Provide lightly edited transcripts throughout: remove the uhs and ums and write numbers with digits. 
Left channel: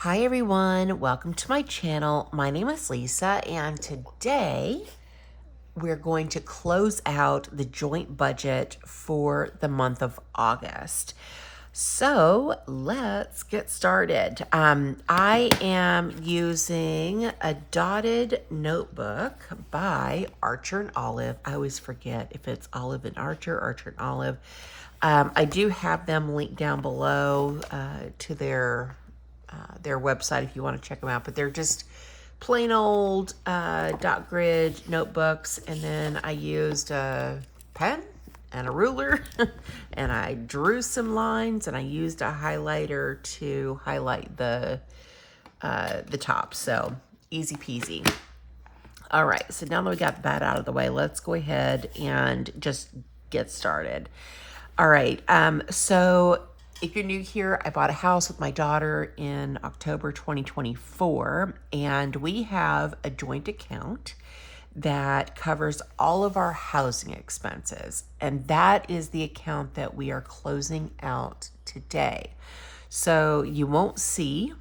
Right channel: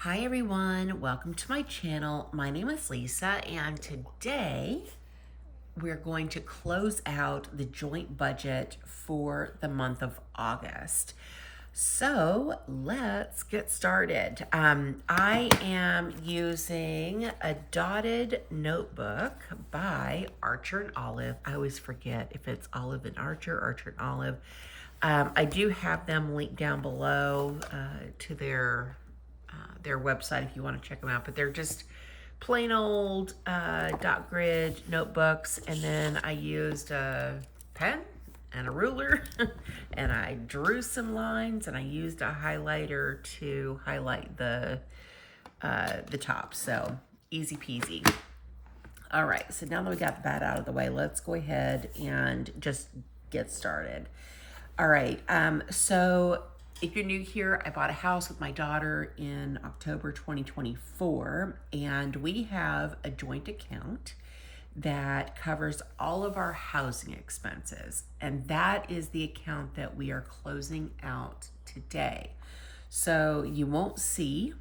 Hi everyone, welcome to my channel. My name is Lisa and today we're going to close out the joint budget for the month of August. So let's get started. I am using a dotted notebook by Archer and Olive. I always forget if it's Olive and Archer, Archer and Olive. I do have them linked down below to their website if you want to check them out, but they're just plain old dot grid notebooks. And then I used a pen and a ruler and I drew some lines and I used a highlighter to highlight the top. So easy peasy. All right, so now that we got that out of the way, let's go ahead and just get started. All right, so if you're new here, I bought a house with my daughter in October 2024, and we have a joint account that covers all of our housing expenses, and that is the account that we are closing out today. So you won't see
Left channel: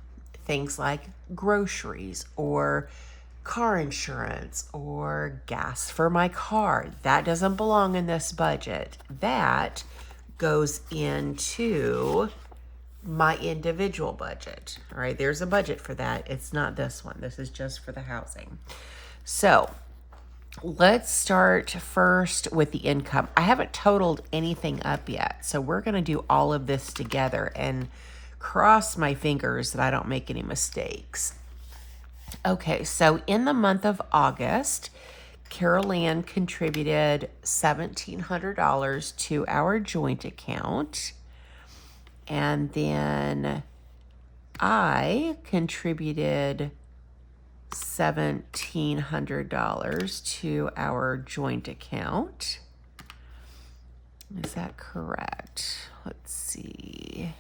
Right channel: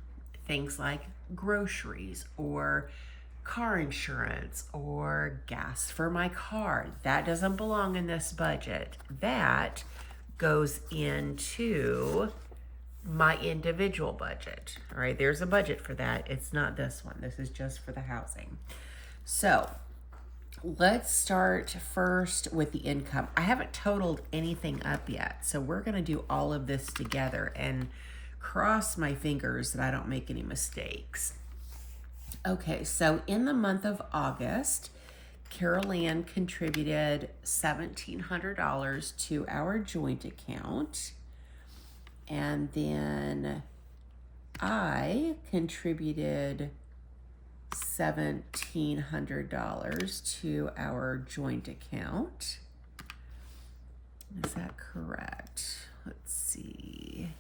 things like groceries or car insurance or gas for my car. That doesn't belong in this budget. That goes into my individual budget. All right, there's a budget for that. It's not this one. This is just for the housing. So let's start first with the income. I haven't totaled anything up yet, so we're going to do all of this together and cross my fingers that I don't make any mistakes. Okay, so in the month of August, Carol Ann contributed $1,700 to our joint account. And then I contributed $1,700 to our joint account. Is that correct? Let's see.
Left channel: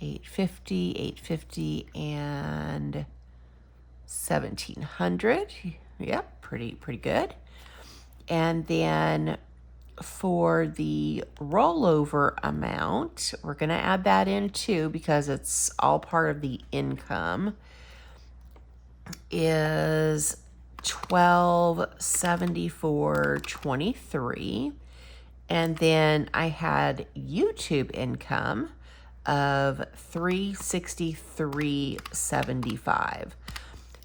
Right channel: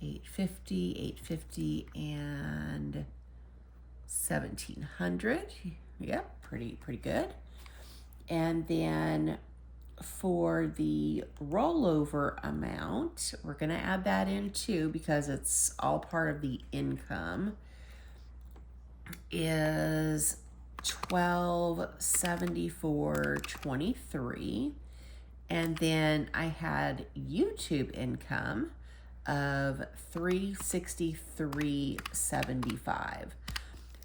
850, and 1,700. Yep, pretty good. And then for the rollover amount, we're going to add that in too because it's all part of the income, is $1,274.23. And then I had YouTube income of $363.75.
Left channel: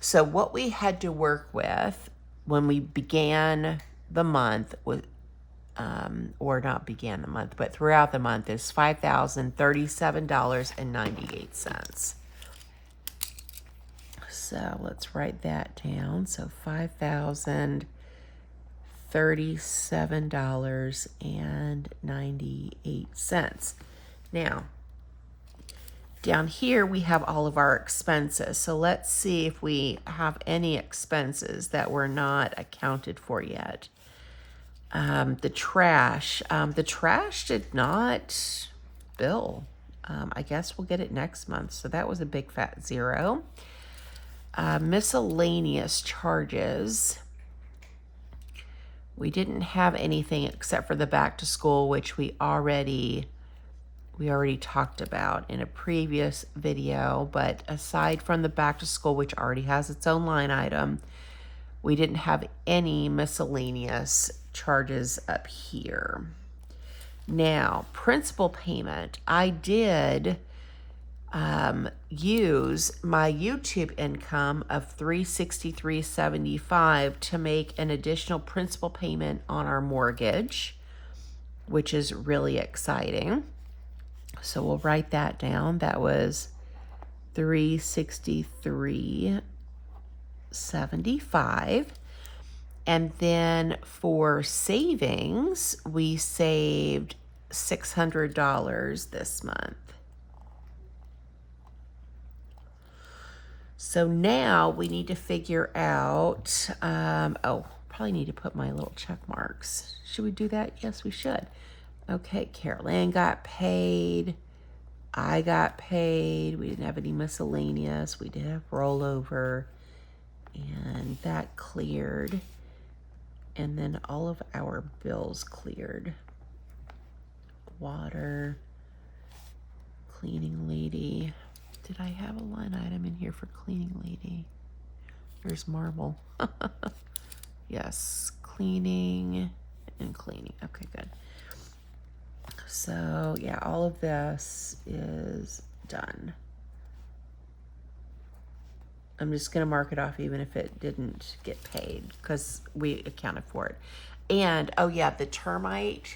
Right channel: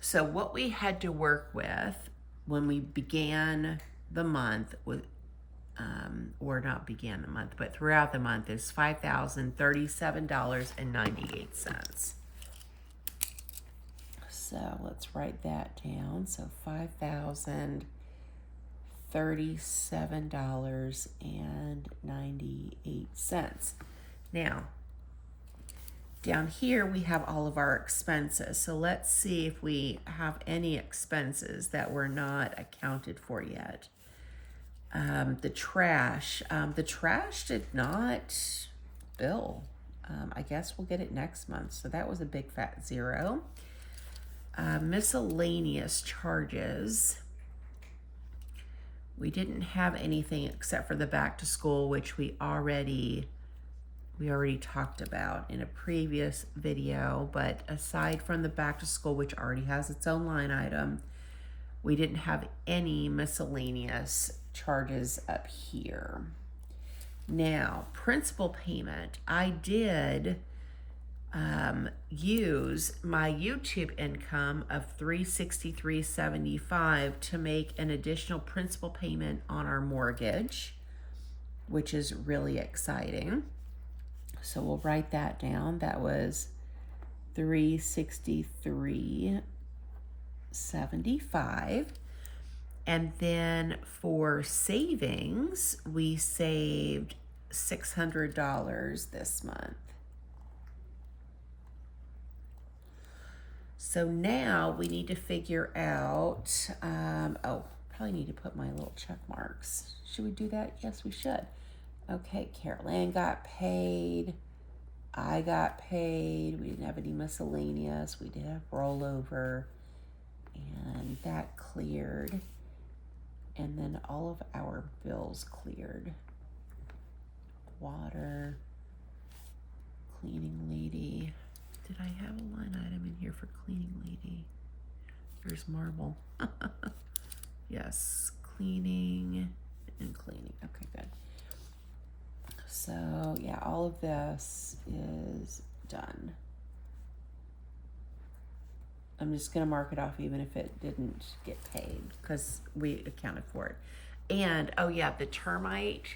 So what we had to work with when we began the month with, or not began the month, but throughout the month, is $5,037.98. So let's write that down. So $5,037.98. Now, down here, we have all of our expenses. So let's see if we have any expenses that were not accounted for yet. The trash did not bill. I guess we'll get it next month. So that was a big fat zero. Miscellaneous charges. We didn't have anything except for the back to school, which we already talked about in a previous video. But aside from the back to school, which already has its own line item, we didn't have any miscellaneous charges up here. Now, principal payment. I did use my YouTube income of $363.75 to make an additional principal payment on our mortgage, which is really exciting. So we'll write that down. That was $363.75. And then for savings, we saved $600 this month. So now we need to figure out, probably need to put my little check marks. Should we do that? Yes, we should. Okay, Carol Ann got paid. I got paid. We didn't have any miscellaneous. We did have rollover. And that cleared. And then all of our bills cleared. Water, cleaning lady, did I have a line item in here for cleaning lady? There's marble. Yes, cleaning and cleaning. Okay, good. So yeah, all of this is done. I'm just gonna mark it off even if it didn't get paid because we accounted for it. And oh yeah, the termite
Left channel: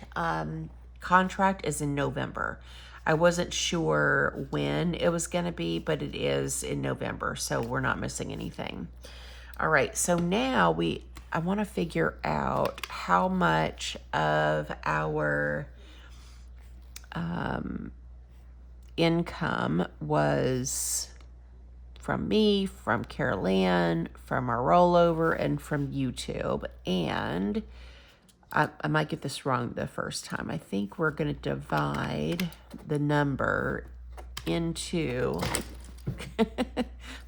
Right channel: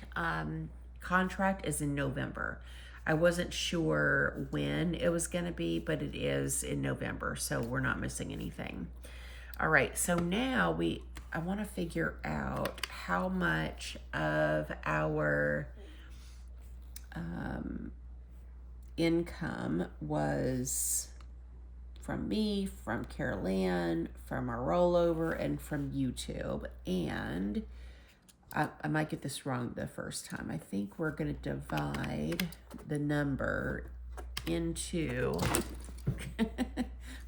contract is in November. I wasn't sure when it was gonna be, but it is in November, so we're not missing anything. All right, so now I want to figure out how much of our income was from me, from Carol Ann, from our rollover, and from YouTube. And I might get this wrong the first time. I think we're going to divide the number into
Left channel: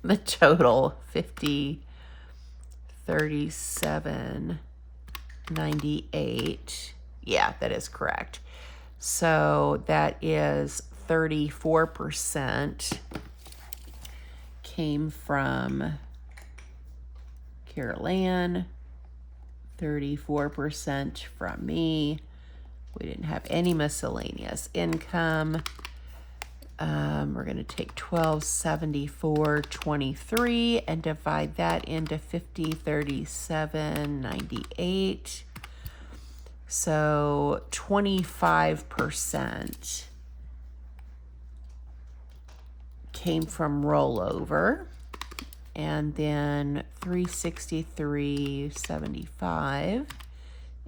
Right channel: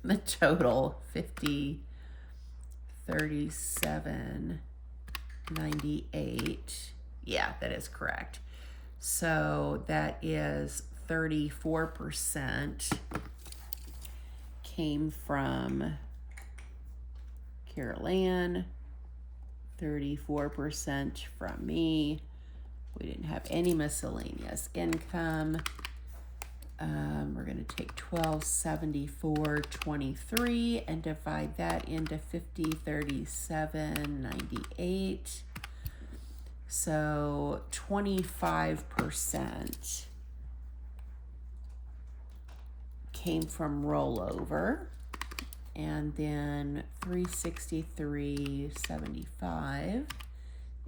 the total 50, 37, 98. Yeah, that is correct. So that is 34% came from Carol Ann, 34% from me. We didn't have any miscellaneous income. We're going to take 1274.23 and divide that into 50, 37, 98. So 25% came from rollover, and then 363.75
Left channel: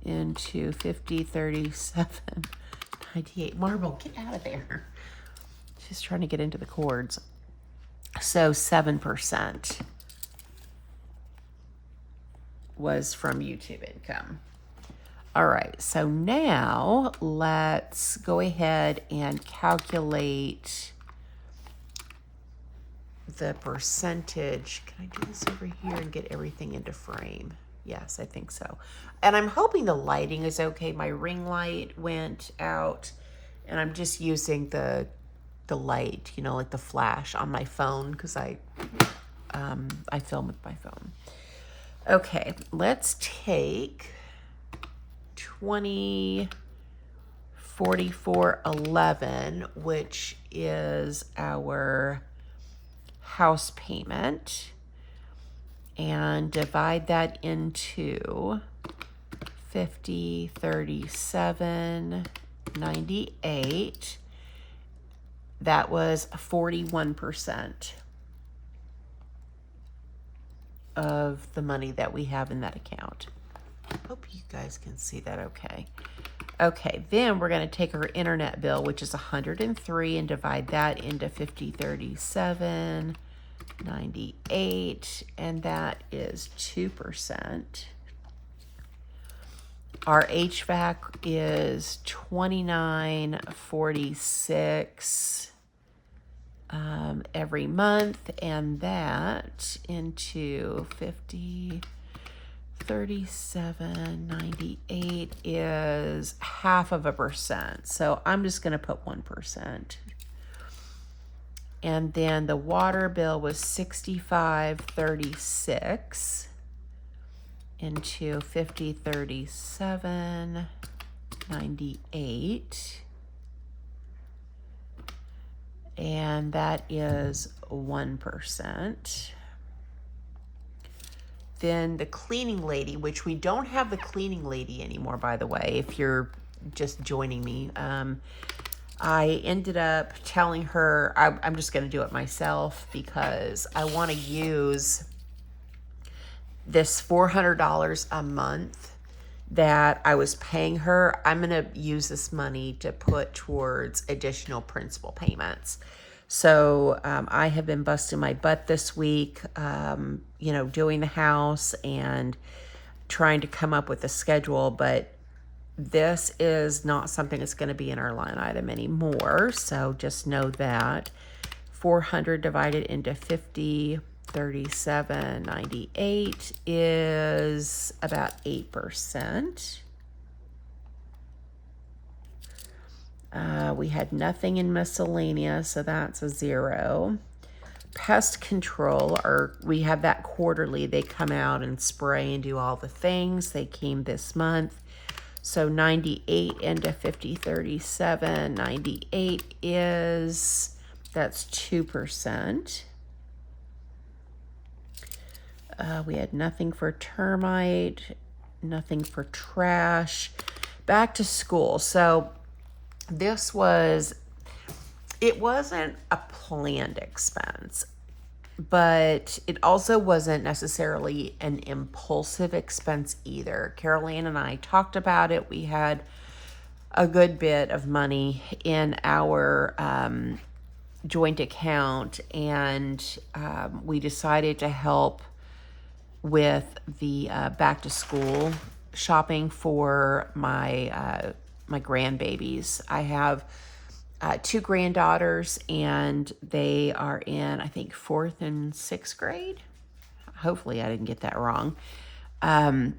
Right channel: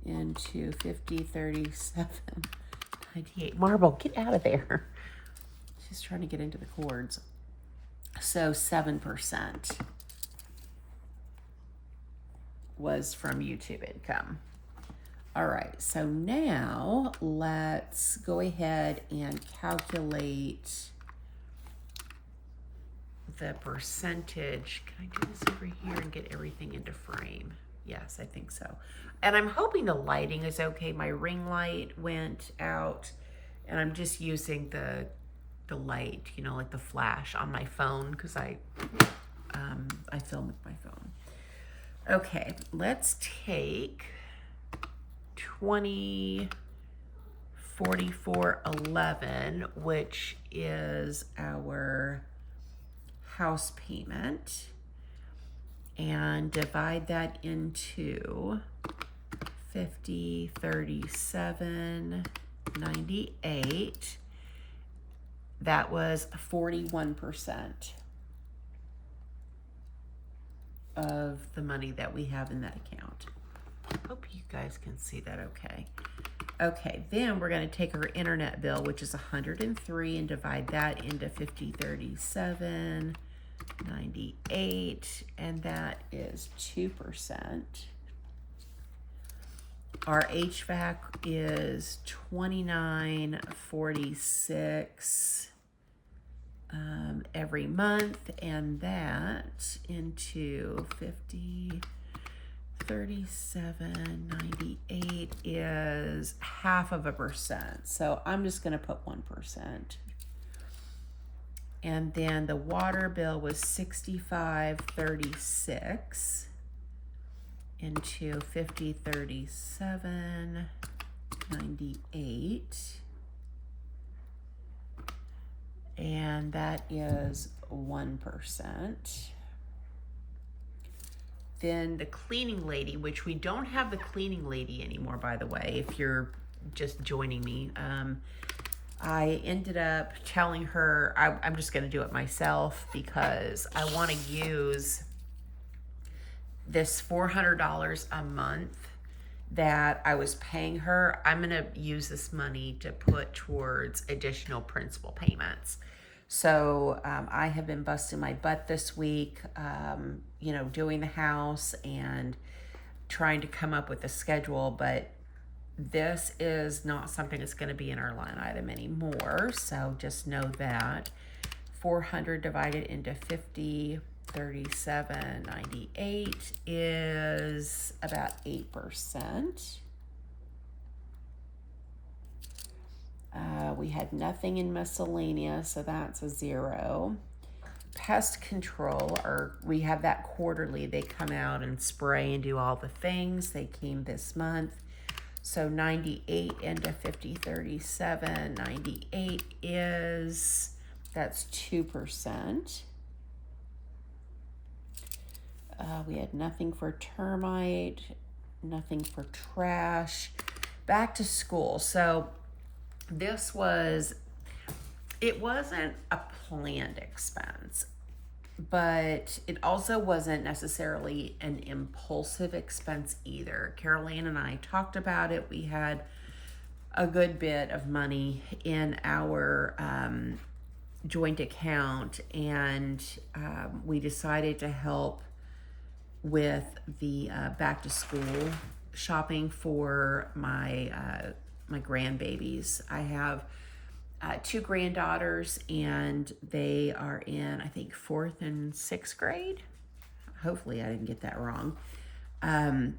into 50, 37, 98. Marble, get out of there. Just trying to get into the chords. So 7% was from YouTube income. All right, so now let's go ahead and calculate the percentage. Can I do this over here and get everything into frame? Yes, I think so. And I'm hoping the lighting is okay. My ring light went out, and I'm just using the light, you know, like the flash on my phone because I film with my phone. Okay, let's take 2044.11, which is our house payment, and divide that into 50, 37, 98. That was 41% of the money that we have in that account. Hope you guys can see that okay. Okay, then we're going to take our internet bill, which is 103, and divide that into 50, 37, 98, and that is 2%. Our HVAC is 29.46 every month, and that into 50, 37.98 is 0.5%. So I'm just going to put 1%. And then the water bill was 65.36 into 50, 37.98. And that is 1%. Then the cleaning lady, which we don't have the cleaning lady anymore, by the way, if you're just joining me. I ended up telling her I'm just going to do it myself because I want to use this $400 a month that I was paying her. I'm going to use this money to put towards additional principal payments. So I have been busting my butt this week, you know, doing the house and trying to come up with a schedule, but this is not something that's going to be in our line item anymore. So just know that 400 divided into 50, 37.98 is about 8%. We had nothing in miscellaneous, so that's a 0. pest control, or we have that quarterly. They come out and spray and do all the things. They came this month. So 98 into 5037, 98 is, that's 2%. We had nothing for termite, nothing for trash. Back to school. So this was, it wasn't a planned expense, but it also wasn't necessarily an impulsive expense either. Carol Ann and I talked about it. We had a good bit of money in our joint account, and we decided to help with the back to school shopping for my my grandbabies. I have 2 granddaughters, and they are in, I think, 4th and 6th grade. Hopefully I didn't get that wrong. And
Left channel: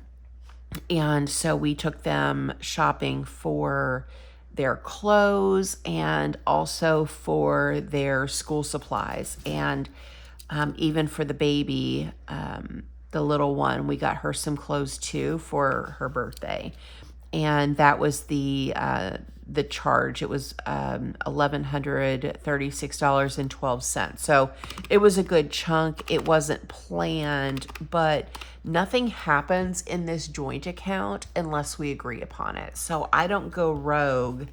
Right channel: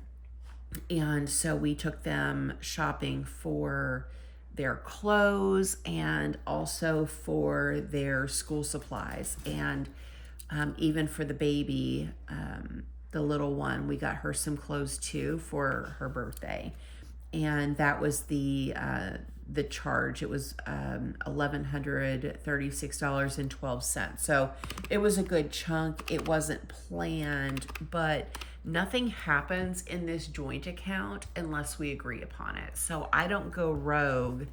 so we took them shopping for their clothes and also for their school supplies. And even for the baby, the little one, we got her some clothes too for her birthday. And that was the charge. It was $1,136.12. So it was a good chunk. It wasn't planned, but nothing happens in this joint account unless we agree upon it. So I don't go rogue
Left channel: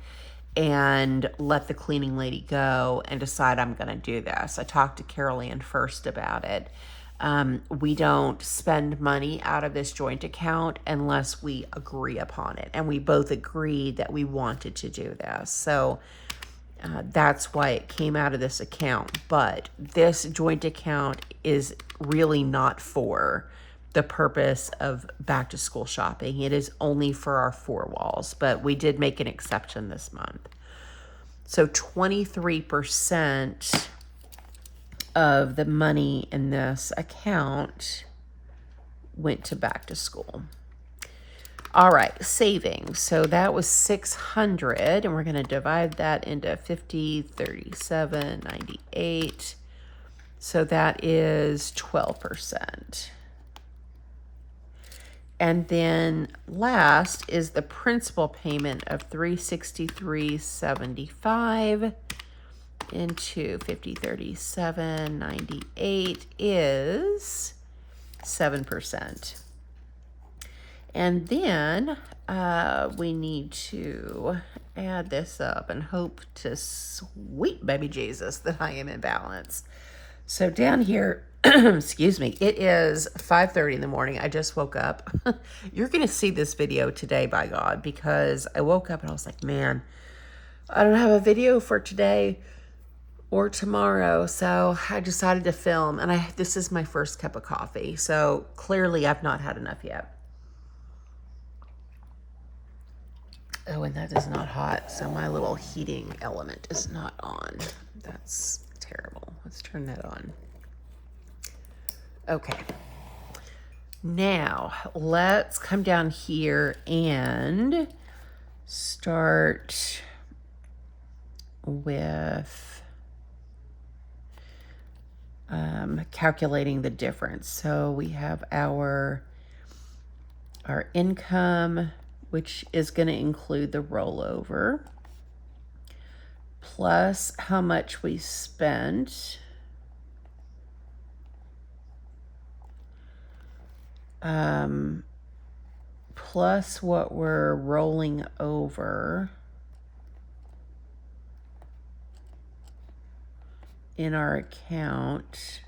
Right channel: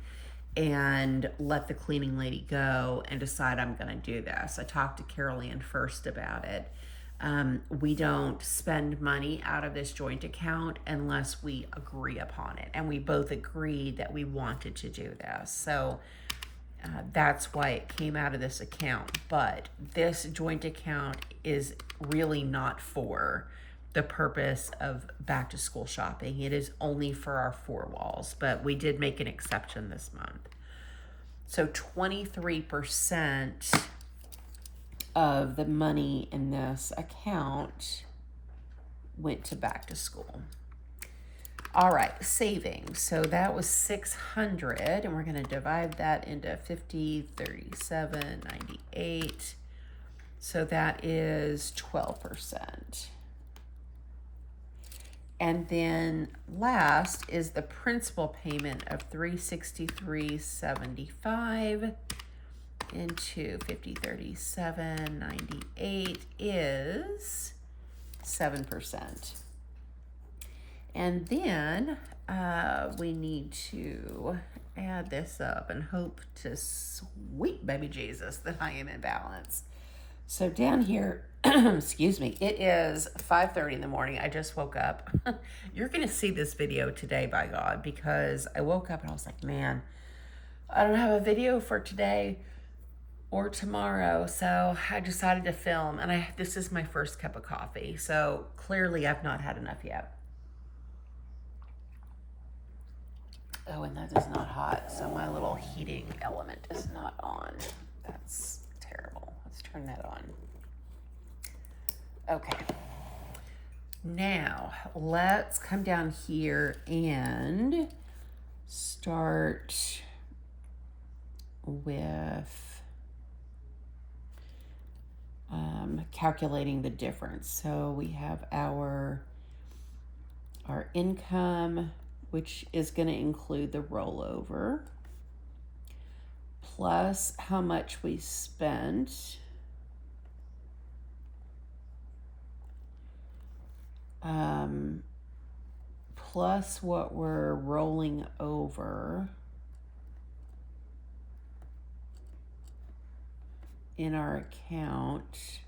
and let the cleaning lady go and decide I'm going to do this. I talked to Carol Ann first about it. We don't spend money out of this joint account unless we agree upon it. And we both agreed that we wanted to do this. So that's why it came out of this account. But this joint account is really not for the purpose of back to school shopping. It is only for our 4 walls, but we did make an exception this month. So 23% of the money in this account went to back to school. All right, savings. So that was 600, and we're going to divide that into 50, 37, 98. So that is 12%. And then last is the principal payment of $363.75 into 50, 37, 98 is 7%. And then we need to add this up and hope to sweet baby Jesus that I am in balance. So down here, excuse me, it is 5:30 in the morning. I just woke up. You're going to see this video today, by God, because I woke up and I was like, man, I don't have a video for today or tomorrow. So I decided to film, and this is my first cup of coffee. So clearly I've not had enough yet. Oh, and that is not hot. So my little heating element is not on. That's terrible. Let's turn that on. Okay. Now let's come down here and start with calculating the difference. So we have our income, which is going to include the rollover, plus how much we spent, plus what we're rolling over in our account,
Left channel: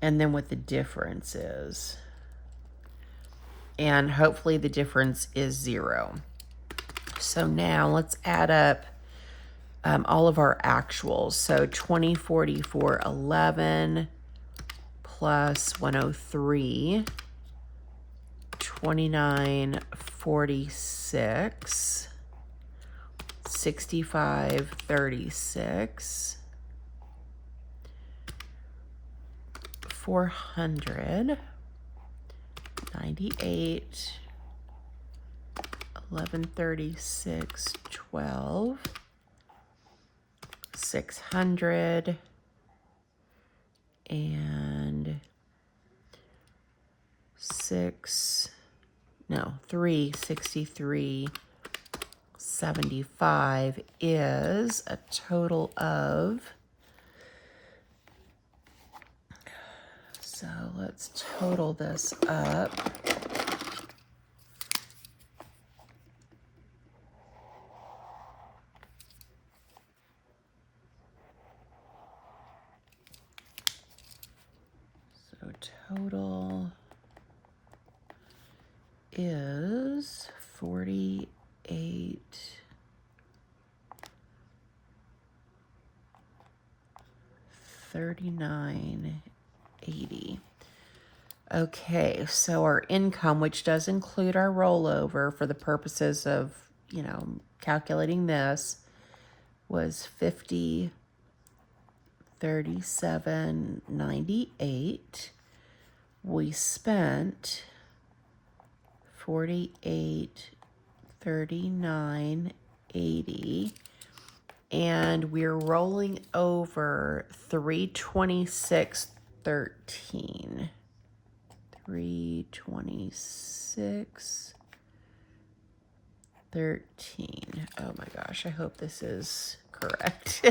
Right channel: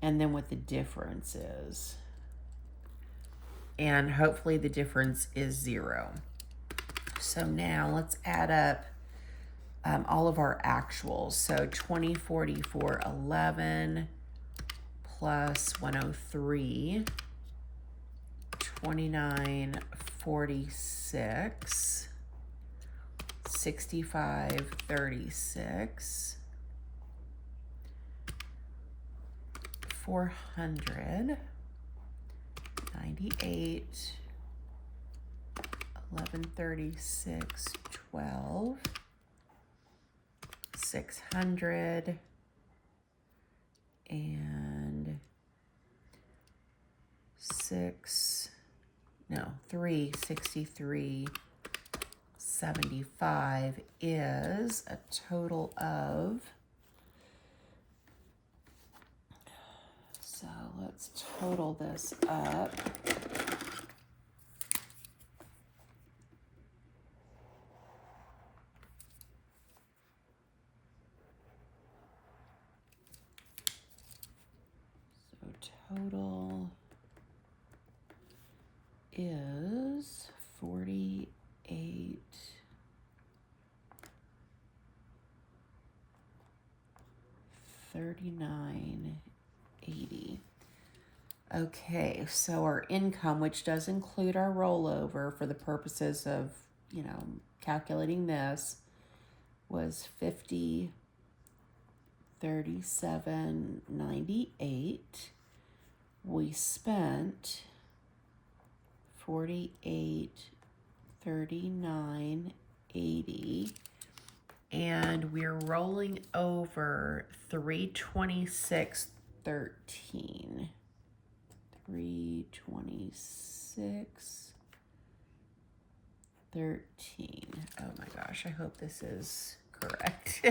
and then what the difference is. And hopefully the difference is 0. So now let's add up all of our actuals. So 2044.11 plus 103, 2946, 6536, 400, 98, 1136, 12, 600, and 363.75 is a total of, so let's total this up. So total is 4839.80. Okay, so our income, which does include our rollover for the purposes of, calculating this, was $50,37.98. We spent $48,39.80, and we're rolling over $326.13. $326.13. Oh my gosh, I hope this is correct.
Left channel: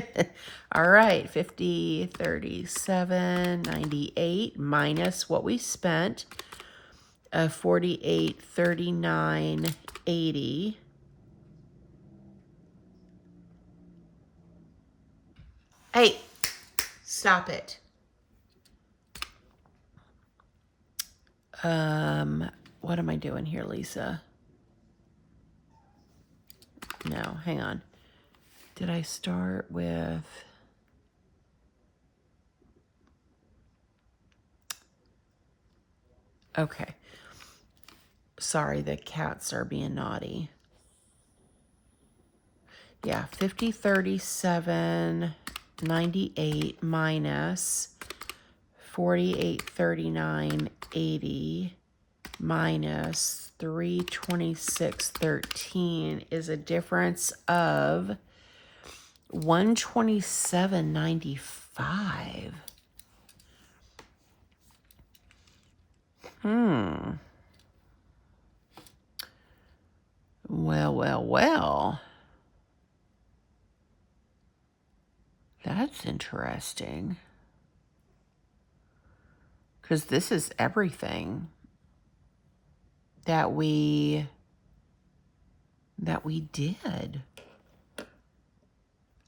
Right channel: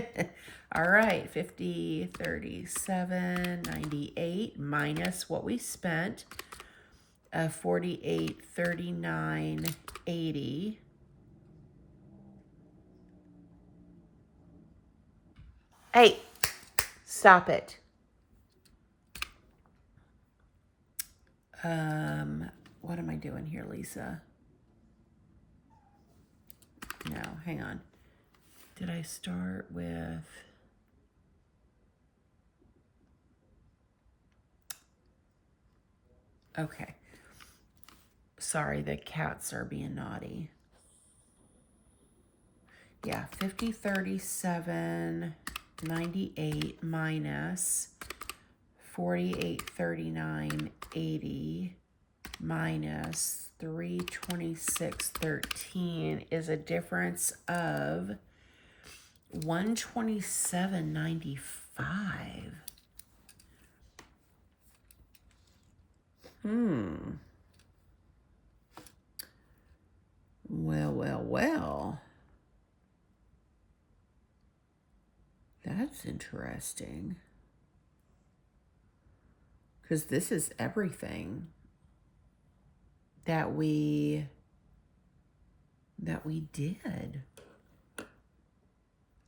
All right, 50,37.98 minus what we spent, 48,39.80. Hey, stop it. What am I doing here, Lisa? No, hang on. Did I start with... Okay. Sorry, the cats are being naughty. Yeah, 50,37.98 minus 48,39.80 minus 326.13 is a difference of 127.95. Well. That's interesting. Because this is everything that we did.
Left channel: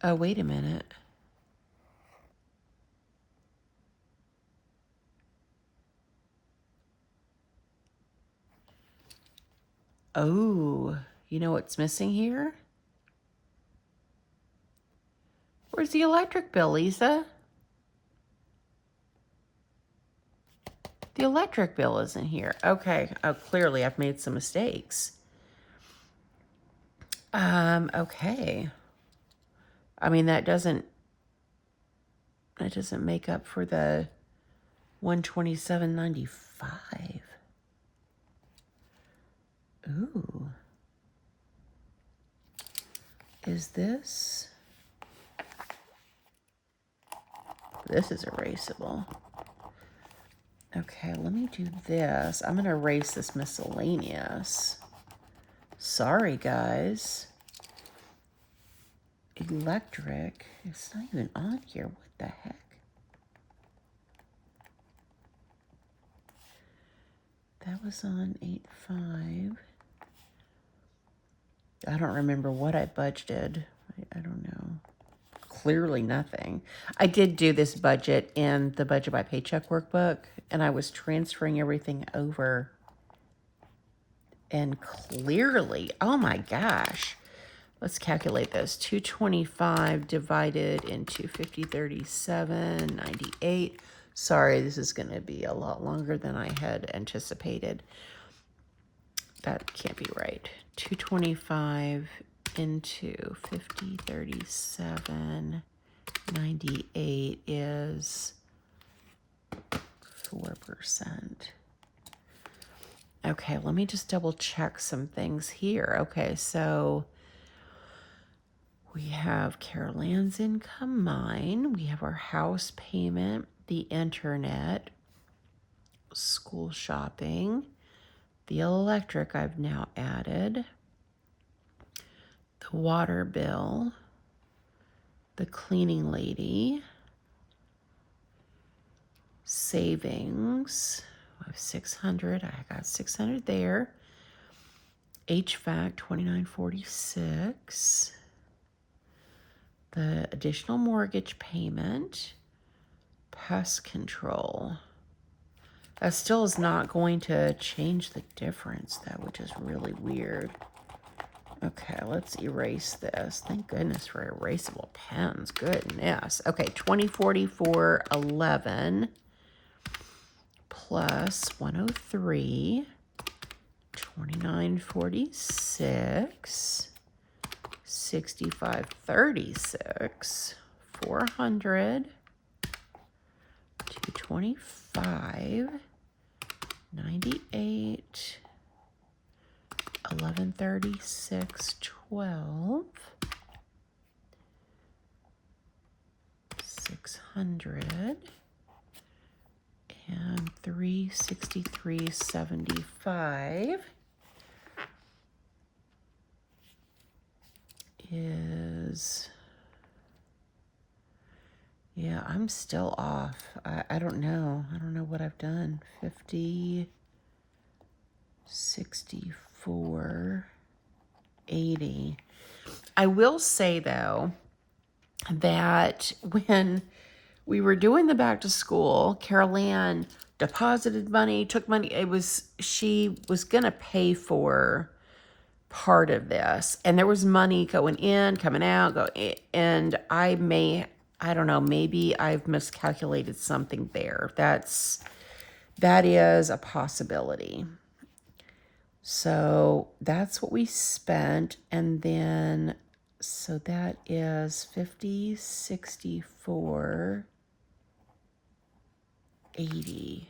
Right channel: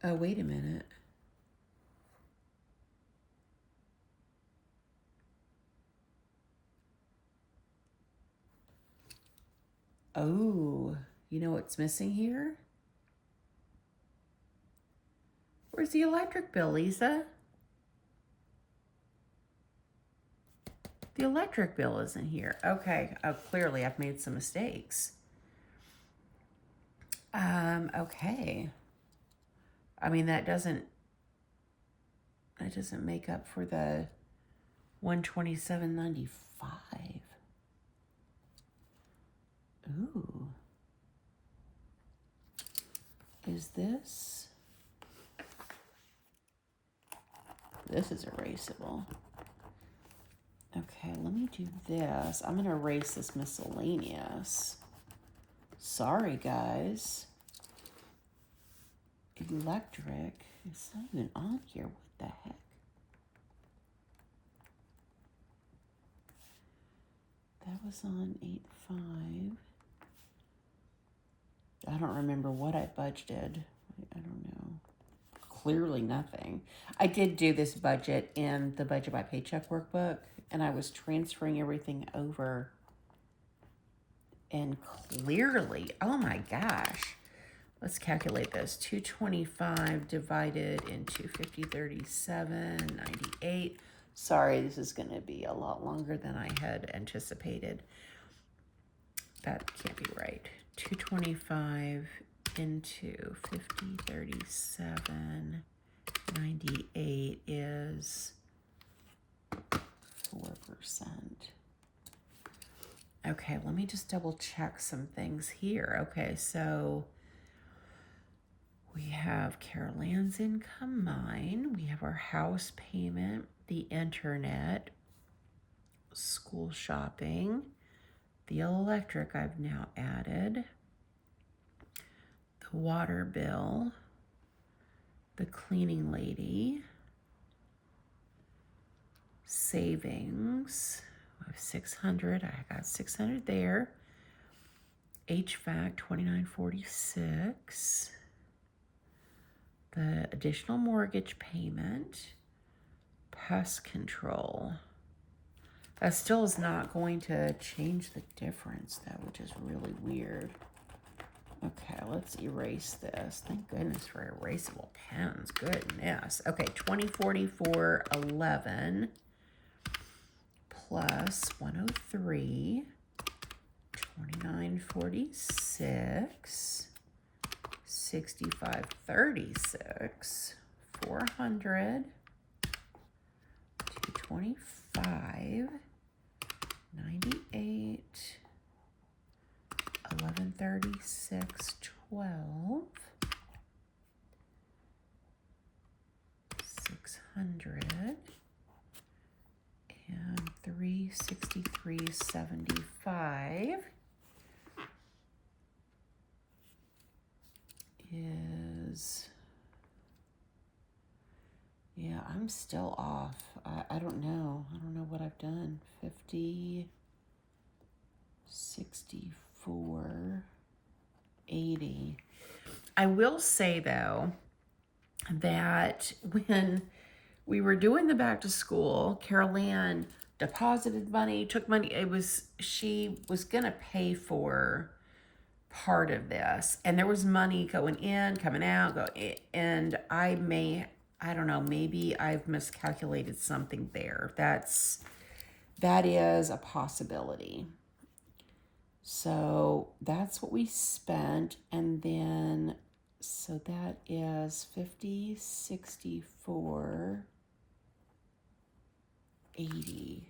Oh, wait a minute. Oh, you know what's missing here? Where's the electric bill, Lisa? The electric bill isn't here. Okay. Oh, clearly I've made some mistakes. Okay. I mean, that doesn't make up for the 127.95. Ooh. Is this? This is erasable. Okay, let me do this. I'm going to erase this miscellaneous. Sorry, guys. Electric. It's not even on here. What the heck? That was on 8.5. I don't remember what I budgeted. I don't know. Clearly nothing. I did do this budget in the Budget by Paycheck workbook, and I was transferring everything over. And clearly, oh my gosh. Let's calculate this. 225 divided into 5037.98. Sorry, this is going to be a lot longer than I had anticipated. That can't be right. 225 into 5037.98 is 4%. Okay, let me just double check some things here. Okay, so we have Carol Ann's income, mine. We have our house payment, the internet, school shopping, the electric I've now added, the water bill, the cleaning lady, savings, I have 600, I got 600 there, HVAC, 2946, the additional mortgage payment, pest control. That still is not going to change the difference, though, which is really weird. Okay, let's erase this. Thank goodness for erasable pens. Goodness. Okay, 2044.11 plus 103, 2946, 6536, 400, 225, 98, 1136, 12, 600, and 363.75 is, yeah, I'm still off. I don't know. I don't know what I've done. 50, 64, 80. I will say, though, that when we were doing the back to school, Carol Ann deposited money, took money. She was going to pay for part of this. And there was money going in, coming out, and I don't know, maybe I've miscalculated something there. That is a possibility. So that's what we spent. And then, so that is 50, 64, 80.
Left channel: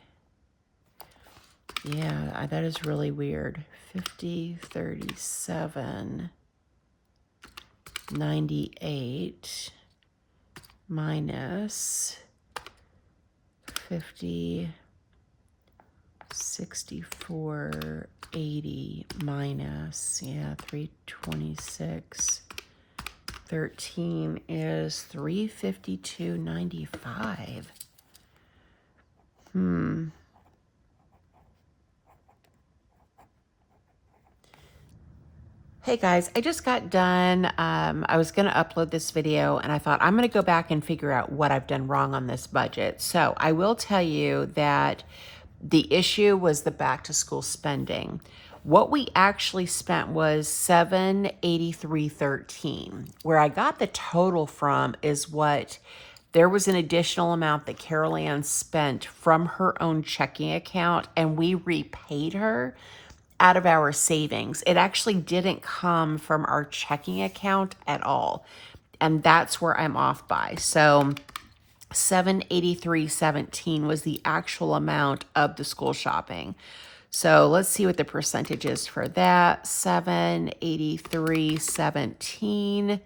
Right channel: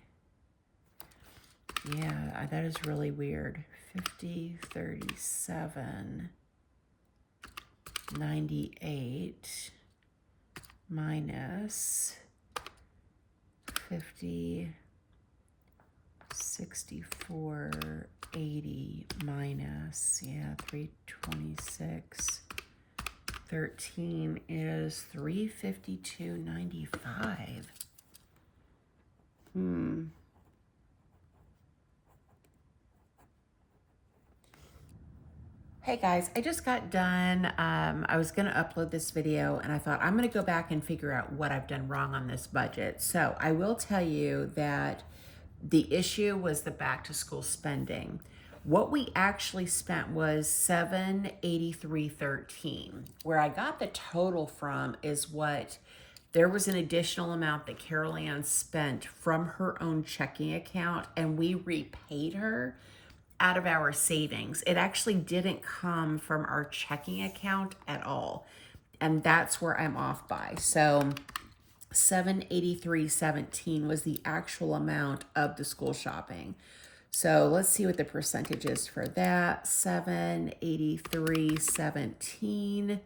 Yeah, that is really weird. 50, 37, 98 minus 50, 64, 80 minus, yeah, 326, 13 is 352.95. Hey guys, I just got done. I was going to upload this video and I thought I'm going to go back and figure out what I've done wrong on this budget. So I will tell you that the issue was the back to school spending. What we actually spent was $783.13. Where I got the total from is what there was an additional amount that Carol Ann spent from her own checking account, and we repaid her out of our savings. It actually didn't come from our checking account at all. And that's where I'm off by. So $783.17 was the actual amount of the school shopping. So let's see what the percentage is for that. $783.17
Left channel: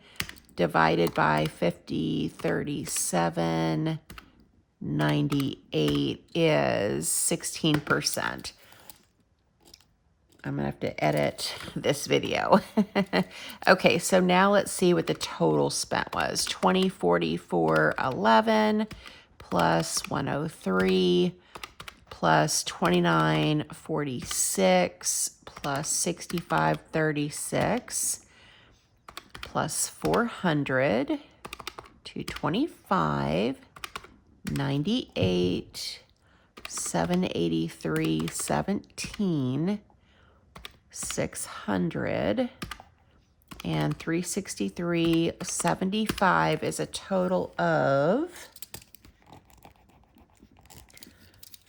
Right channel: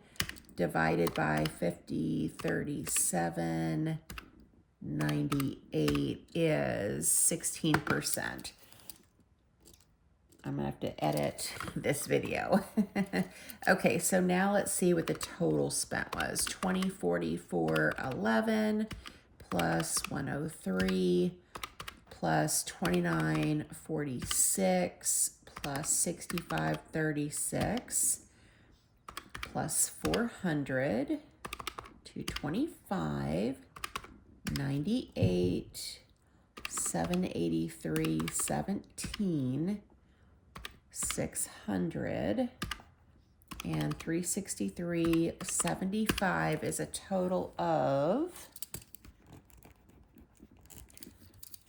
divided by 50, 37.98 is 16%. I'm gonna have to edit this video. Okay, so now let's see what the total spent was. 2044.11 plus 103 plus 2946 plus 6536 plus 400, 225, 98, 783.17, 600, and 363.75 is a total of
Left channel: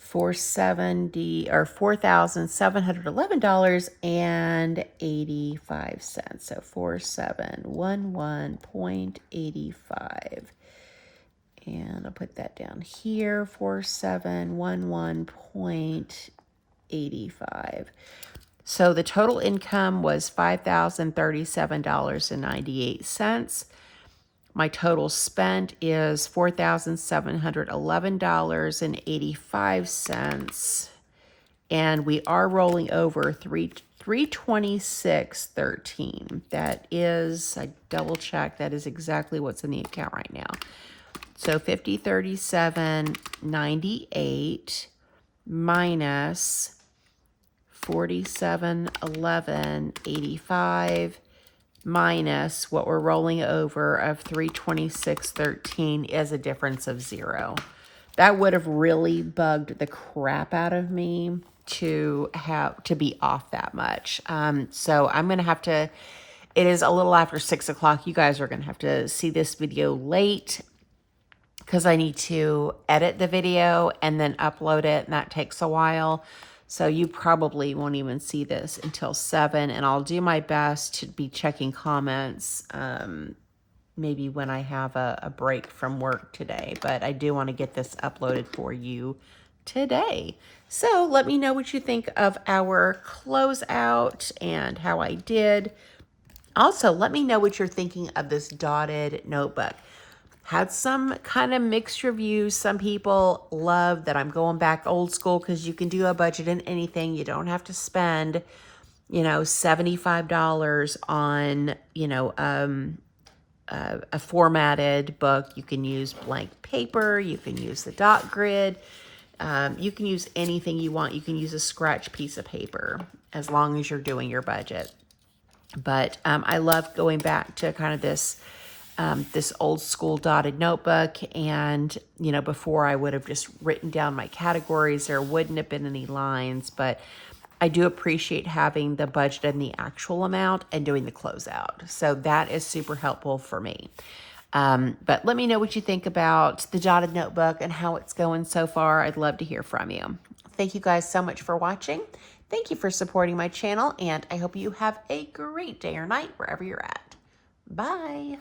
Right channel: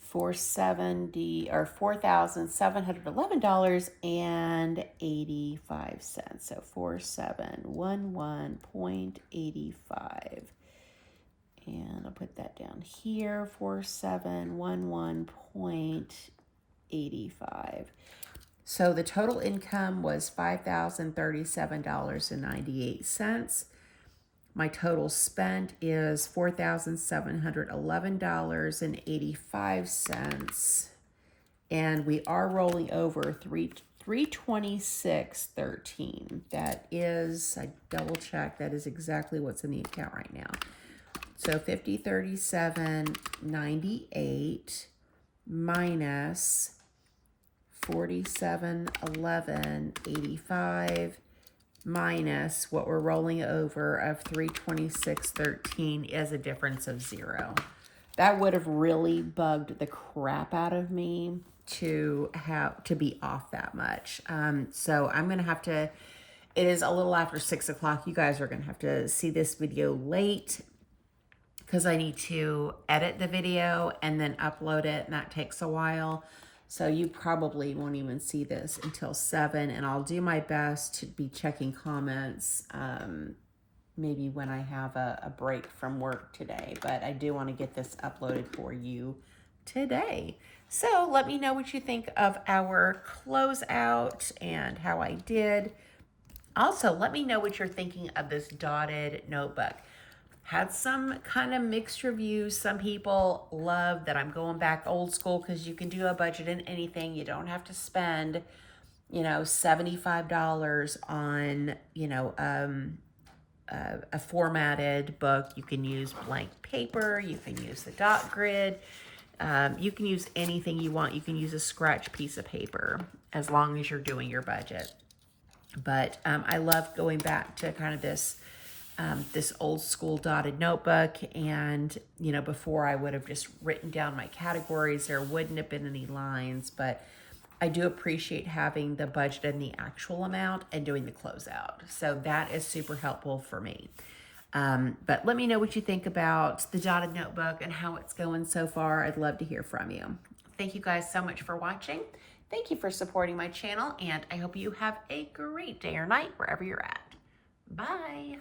$4,711.85. So 4711.85. And I'll put that down here, 4711.85. So the total income was $5,037.98. My total spent is $4,711.85. And we are rolling over 326.13. That is, I double check, that is exactly what's in the account right now. So 5037.98 minus 4711.85 minus what we're rolling over of 326.13 is a difference of 0. That would have really bugged the crap out of me to be off that much. So I'm going to have to, it is a little after 6 o'clock. You guys are going to have to see this video late because I need to edit the video and then upload it, and that takes a while. So you probably won't even see this until 7, and I'll do my best to be checking comments maybe when I have a break from work today. But I do want to get this uploaded for you today. So let me know what you think of our closeout and how I did. Also, let me know what you're thinking of this dotted notebook. Had some kind of mixed reviews. Some people love that I'm going back old school because you can do a budget in anything. You don't have to spend, you know, $75 on, you know, a formatted book. You can use blank paper. You can use the dot grid. You can use anything you want. You can use a scratch piece of paper as long as you're doing your budget. But I love going back to kind of this old school dotted notebook. And, you know, before I would have just written down my categories. There wouldn't have been any lines, but I do appreciate having the budget and the actual amount and doing the closeout. So that is super helpful for me. But let me know what you think about the dotted notebook and how it's going so far. I'd love to hear from you. Thank you guys so much for watching. Thank you for supporting my channel, and I hope you have a great day or night wherever you're at. Bye.